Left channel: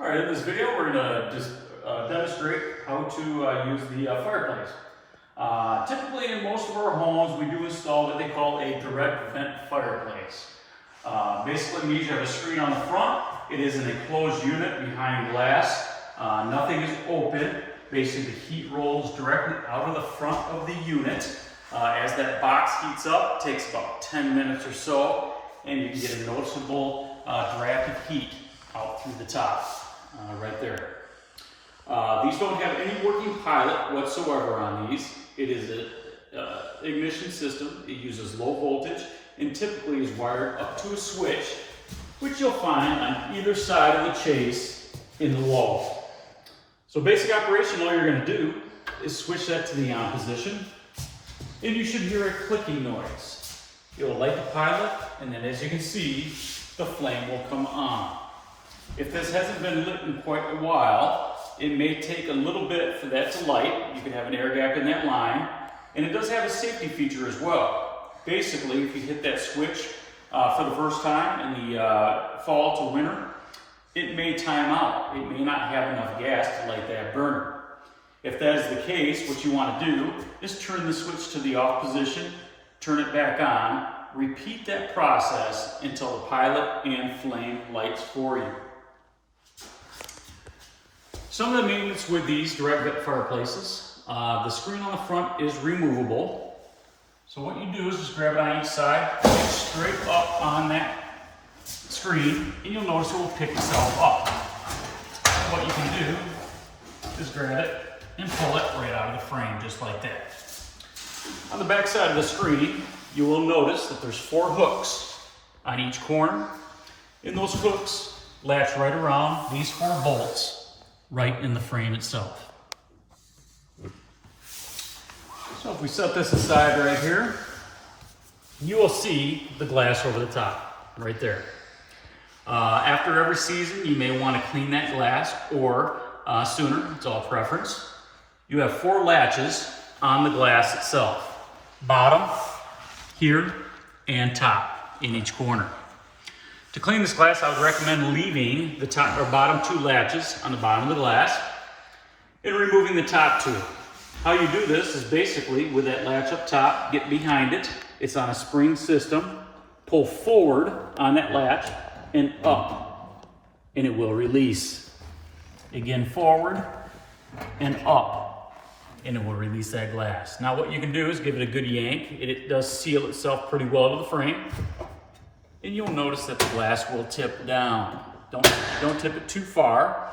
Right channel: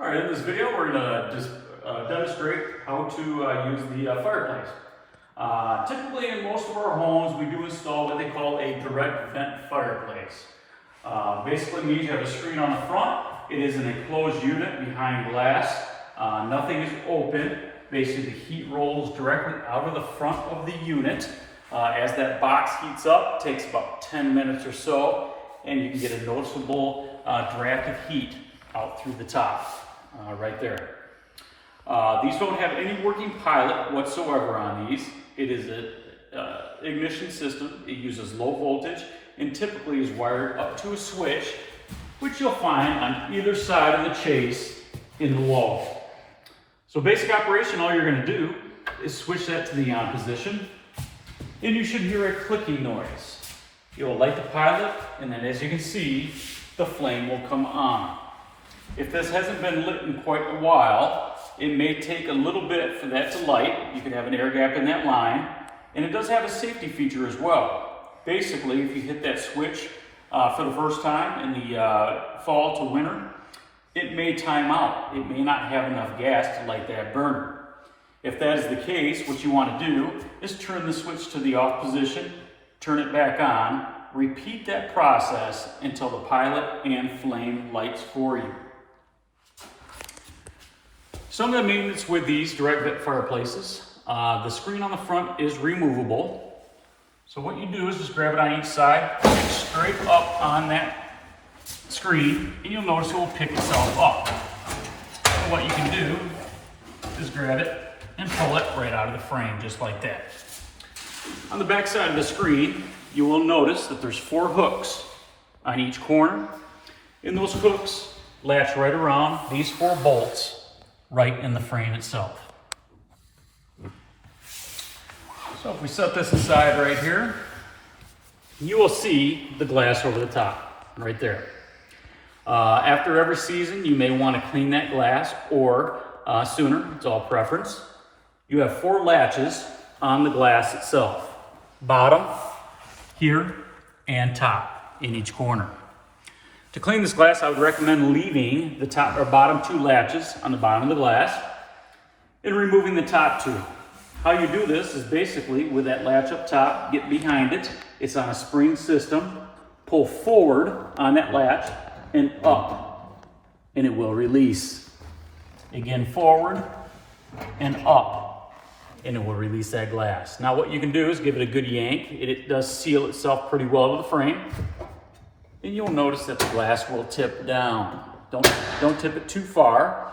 All right, in this video, we're going to just demonstrate how to use the fireplace. Typically, in most of our homes, we do install what they call a direct vent fireplace. Basically means you have a screen on the front. It is an enclosed unit behind glass. Nothing is open. Basically, the heat rolls directly out of the front of the unit. As that box heats up, it takes about 10 minutes or so, and you can get a noticeable draft of heat out through the top. Right there. These don't have any working pilot whatsoever on these. It is an ignition system. It uses low voltage and typically is wired up to a switch, which you'll find on either side of the chase in the wall. So basic operation, all you're going to do is switch that to the on position, and you should hear a clicking noise. It will light the pilot, and then as you can see, the flame will come on. If this hasn't been lit in quite a while, it may take a little bit for that to light. You could have an air gap in that line. And it does have a safety feature as well. Basically, if you hit that switch for the first time in the fall to winter, it may time out. It may not have enough gas to light that burner. If that is the case, what you want to do is turn the switch to the off position, turn it back on, repeat that process until the pilot and flame lights for you. Some of the maintenance with these direct vent fireplaces, the screen on the front is removable. So what you do is just grab it on each side, pick straight up on that screen, and you'll notice it will pick itself up. And what you can do is grab it and pull it right out of the frame, just like that. On the back side of the screen, you will notice that there's 4 hooks on each corner, and those hooks latch right around these 4 bolts right in the frame itself. So if we set this aside right here, you will see the glass over the top, right there. After every season, you may want to clean that glass, or sooner, it's all preference. You have 4 latches on the glass itself. Bottom, here, and top in each corner. To clean this glass, I would recommend leaving the top or bottom 2 latches on the bottom of the glass and removing the top 2. How you do this is basically with that latch up top, get behind it. It's on a spring system. Pull forward on that latch and up, and it will release. Again, forward and up, and it will release that glass. Now what you can do is give it a good yank. It does seal itself pretty well to the frame. And you'll notice that the glass will tip down. Don't tip it too far.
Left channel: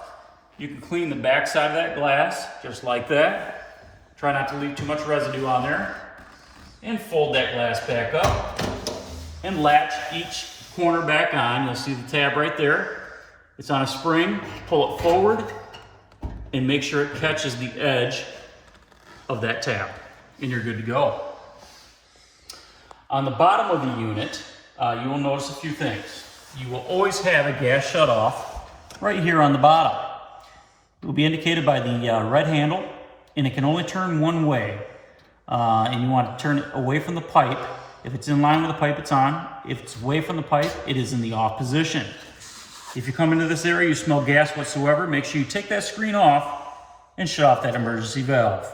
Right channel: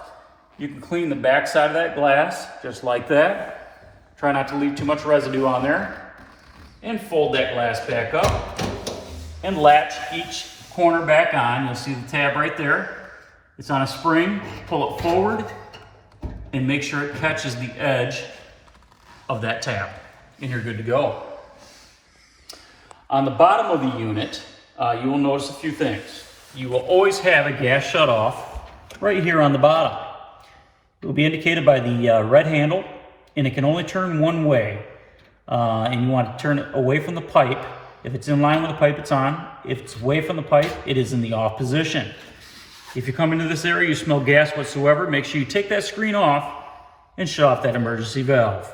You can clean the back side of that glass just like that. Try not to leave too much residue on there. And fold that glass back up and latch each corner back on. You'll see the tab right there. It's on a spring. Pull it forward and make sure it catches the edge of that tab, and you're good to go. On the bottom of the unit, you will notice a few things. You will always have a gas shutoff right here on the bottom. It will be indicated by the red handle, and it can only turn one way. And you want to turn it away from the pipe. If it's in line with the pipe, it's on. If it's away from the pipe, it is in the off position. If you come into this area, you smell gas whatsoever, make sure you take that screen off and shut off that emergency valve.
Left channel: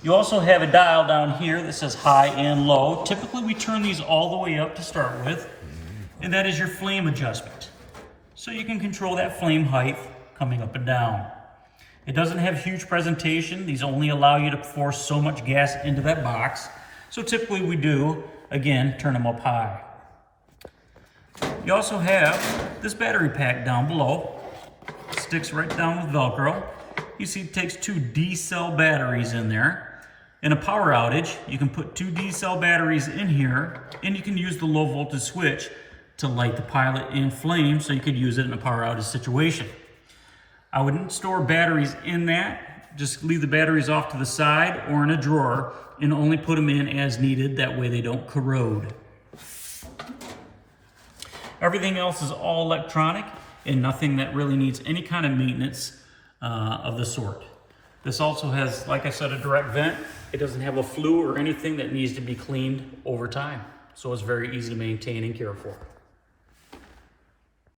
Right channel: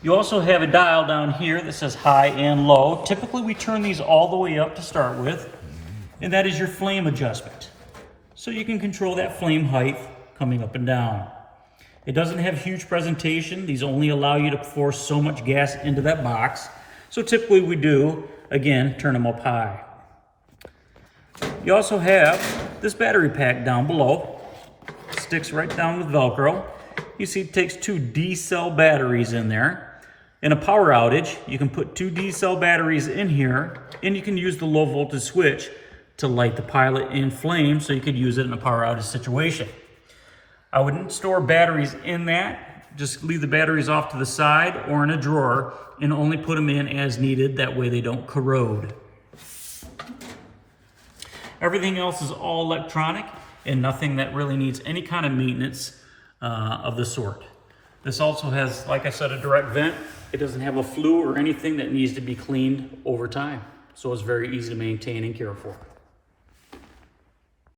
You also have a dial down here that says high and low. Typically we turn these all the way up to start with, and that is your flame adjustment. So you can control that flame height coming up and down. It doesn't have huge presentation. These only allow you to force so much gas into that box. So typically we do, again, turn them up high. You also have this battery pack down below. It sticks right down with Velcro. You see it takes 2 D-cell batteries in there. In a power outage, you can put 2 D-cell batteries in here, and you can use the low voltage switch to light the pilot in flame, so you could use it in a power outage situation. I wouldn't store batteries in that. Just leave the batteries off to the side or in a drawer, and only put them in as needed. That way they don't corrode. Everything else is all electronic and nothing that really needs any kind of maintenance of the sort. This also has, like I said, a direct vent. It doesn't have a flue or anything that needs to be cleaned over time. So it's very easy to maintain and care for.